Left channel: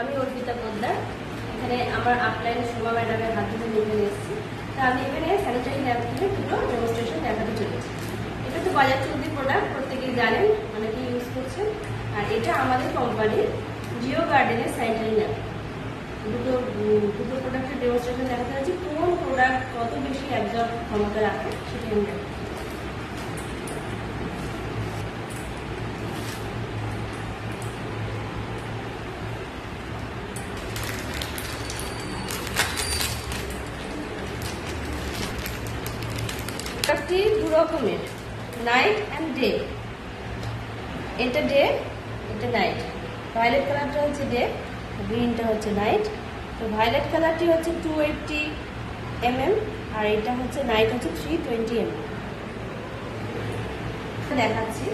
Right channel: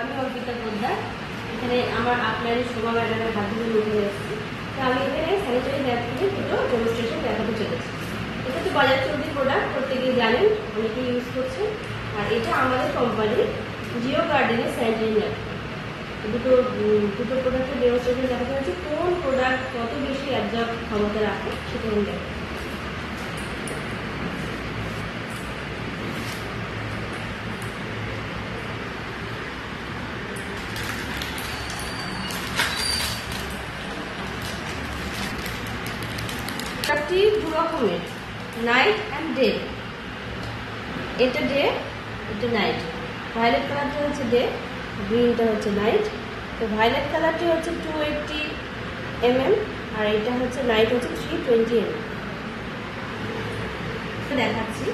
আমি অর্পিতা পোদ্দার, এখানে আমার আপলাইন শোভা ম্যাডামের হাত ধরে নিয়ে এসেছি। তো আমি এখানে স্যানিটারি ন্যাপকিনের দুটো ডেমনস্ট্রেশন দেখাতে চলেছি। এটা তো বাজাজ চলতি প্রোডাক্ট, প্রত্যেকেই জানেন, অনেকে ইউজ করছেন। আর এটা আমাদের কোম্পানির জিও গার্ডেনের স্যানিটারি ন্যাপকিন। দুটো প্রোডাক্টের ডেমনস্ট্রেশন দেখাতে হচ্ছে, কোন প্রোডাক্ট কত বেশি অ্যাবজর্ব ক্ষমতা রাখে সেটা আমি দেখাচ্ছি। প্রোডাক্টটি দু রকমের, নাইট অ্যান্ড ডে। এটা ডে, এটা নাইট। ভায়োলেট কালারটা হচ্ছে ডে, গ্রিনটা হচ্ছে নাইট। তো ভায়োলেট কালারটি হচ্ছে 280 mm আর এটা হচ্ছে নাইট হচ্ছে 320 mm। দেখাচ্ছি।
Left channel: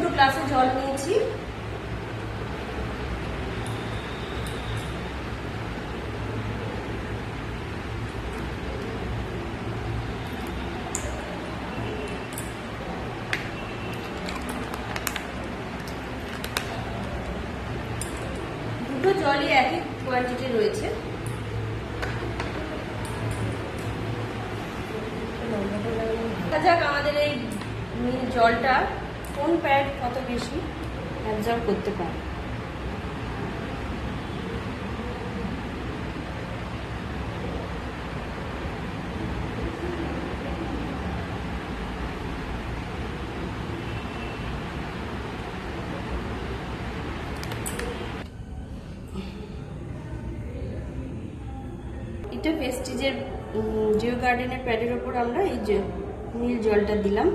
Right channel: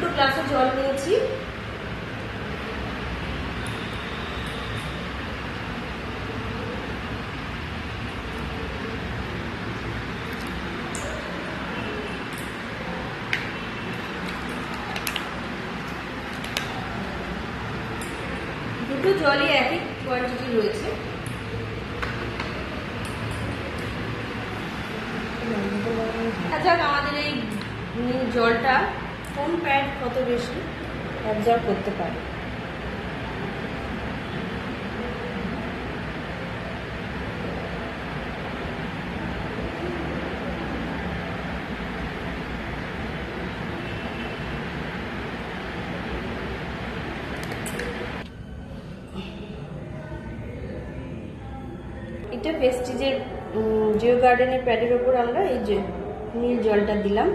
দুটো গ্লাসে জল নিয়েছি। দুটো জলই একই কোয়ান্টিটি রয়েছে। দেখা যাক আমাদের এই জলটা কোন প্যাড কত বেশি অ্যাবজর্ব করতে পারে। এটা প্রেস্টিজের জিও গার্ডেনের প্যাডের ওপর আমরা এই যে নীল জলটা দিলাম।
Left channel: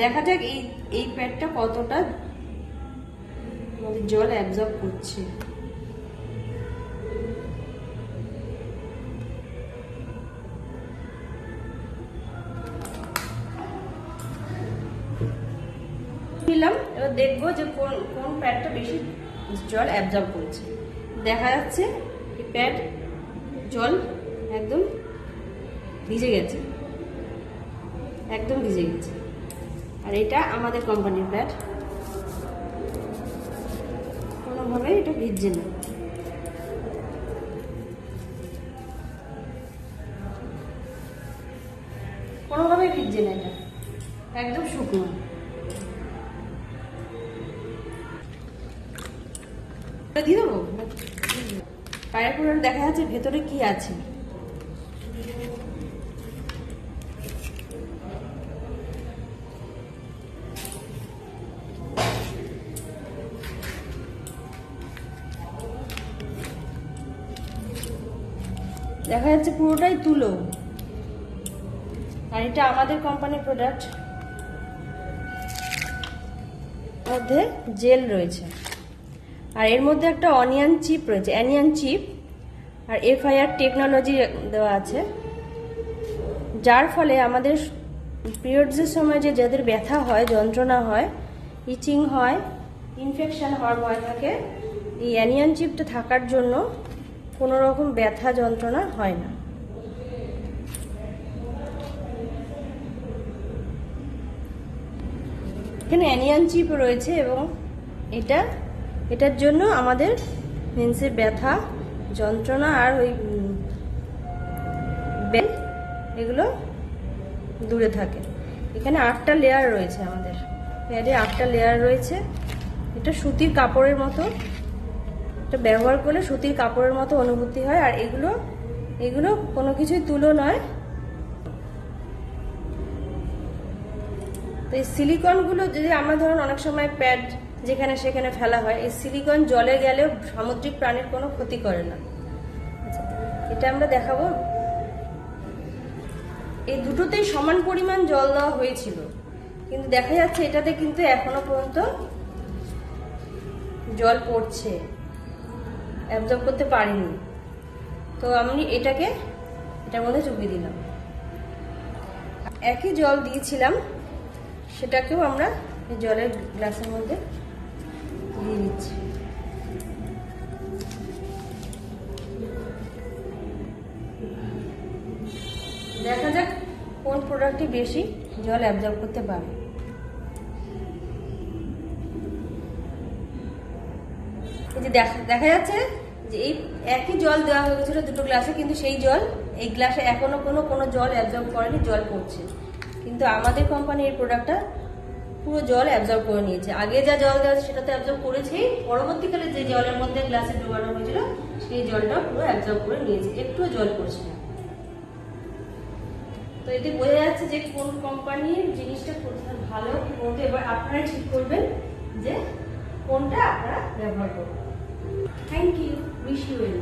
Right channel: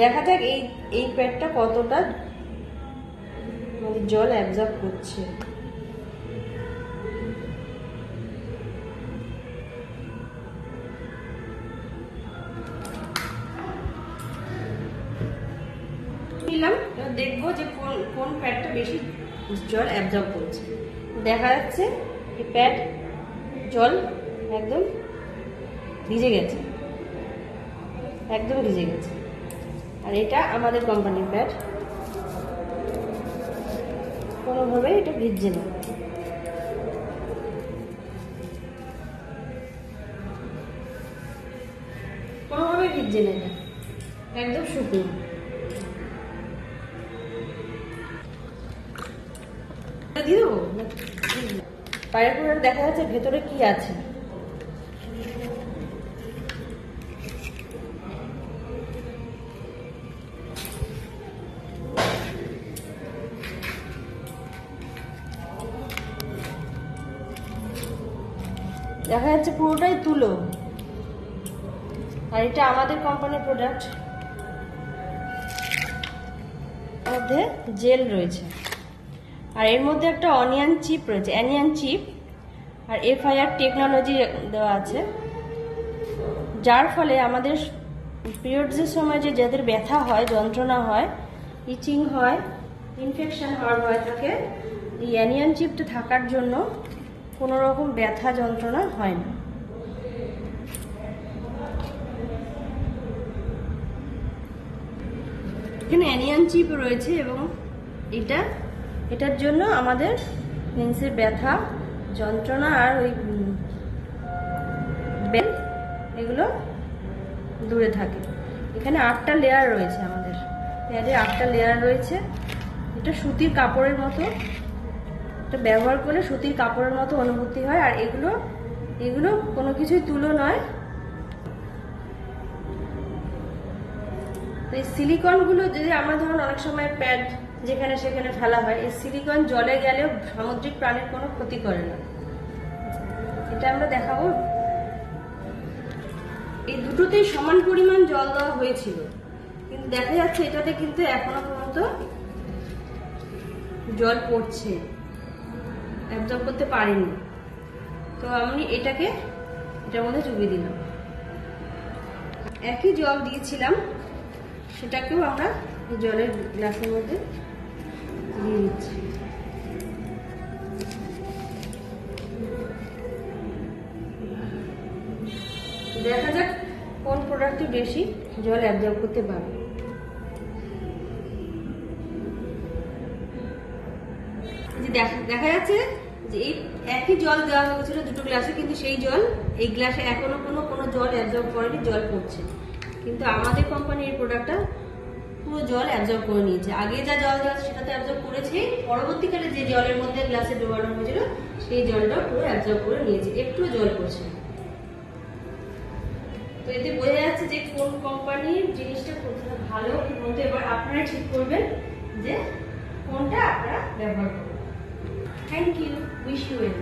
দেখা যাক এই প্যাডটা কতটা জল অ্যাবজর্ব করছে। দিলাম, এবার দেখবো যে কোন প্যাডটা বেশি জল অ্যাবজর্ব করছে। দেখা যাচ্ছে এই প্যাড জল একদম ভিজে গেছে, একদম ভিজে গেছে। আর এটা আমাদের কোম্পানির প্যাড, কোনোভাবে এটা ভিজছে না। কোনোভাবে ভিজছে না, এটা একদম শুকনো। দিয়ে দেবো বাইরে, দেখা যাচ্ছে ভেতরে কি আছে। দেখা যাচ্ছে পুরোটাই তুলো। আর এটা আমাদের কোম্পানির প্রোডাক্ট, মধ্যে জেল রয়েছে। আর এর মধ্যে একটা অনিয়ন চিপ রয়েছে, অ্যানিয়ন চিপ। আর FIR টেকনোলজি দেওয়া আছে, যার ফলে আমাদের পিরিয়ডসের সময় যে যাদের ব্যথা হয়, যন্ত্রণা হয়, ইচিং হয়, ইনফেকশন হওয়ার ভয় থাকে, এই অ্যানিয়ন চিপটা থাকার জন্য কোনো রকম ব্যথা যন্ত্রণা হয় না। এখানে অ্যানিয়ন চিপ রয়েছে এবং এটার জন্য আমাদের মেন্সের ব্যথা যন্ত্রণা আর ওই এগুলো দূরে থাকে। এখানে 8টা লেয়ার রয়েছে, আমাদের প্যাডে 8টা লেয়ার রয়েছে। এটা সুতির কাপড়ের মতো, এটা ব্যবহার করলে সুতির কাপড়ের মতো অনুভূতি হয়। আর এগুলো কোনো কিছুই তুলো নয়। তো এই সিলিকনগুলো যদি আমরা ধরুন অনেক সময় প্যাড যেখানে সেখানে ফেলা হয়, এই সিলিকন জলে গেলেও সামুদ্রিক প্রাণীর কোনো ক্ষতি করে না। এটা আমরা দেখাবো। এই দুটোতেই সমান পরিমাণ জল দেওয়া হয়েছিল, কিন্তু দেখা যাচ্ছে এটাতে কিন্তু এখনো পর্যন্ত জল পড়ছে, অ্যাবজর্ব করতে পারিনি। তো আমি এটার মধ্যে চুবিয়ে দিলাম। একই জল দিয়েছিলাম, সেটাকেও আমরা জলের গ্লাসের মধ্যে দিয়ে দিচ্ছি। প্রোডাক্টই বেশি জল অ্যাবজর্ব করতে পারে। এই যে দেখা যাচ্ছে যে এই একই জল দেওয়া হয়েছিল দুটো গ্লাসে, কিন্তু সেই জল এই গ্লাসে এখনো কোনো জল অ্যাবজর্ব করেনি, জল পড়ছে। কিন্তু আমাদের কোম্পানির প্রোডাক্টটা পুরো জল অ্যাবজর্ব করে নিয়েছে। আগে যা জল দেওয়া সেটা তো অ্যাবজর্ব করেছে, পরবর্তীকালে যে জলের মধ্যে গ্লাসে ডোবানো হয়েছিল সেই জলটা পুরো অ্যাবজর্ব করে নিয়েছে, একটুও জল পড়ছে না। তো এতে বোঝা যাচ্ছে যে কোন কোম্পানির জিনিসটা কোথায় ভালো কোনটা, এবার আপনারাই ঠিক করবেন যে কোনটা আপনারা ব্যবহার করবেন। Thank you, wish you well.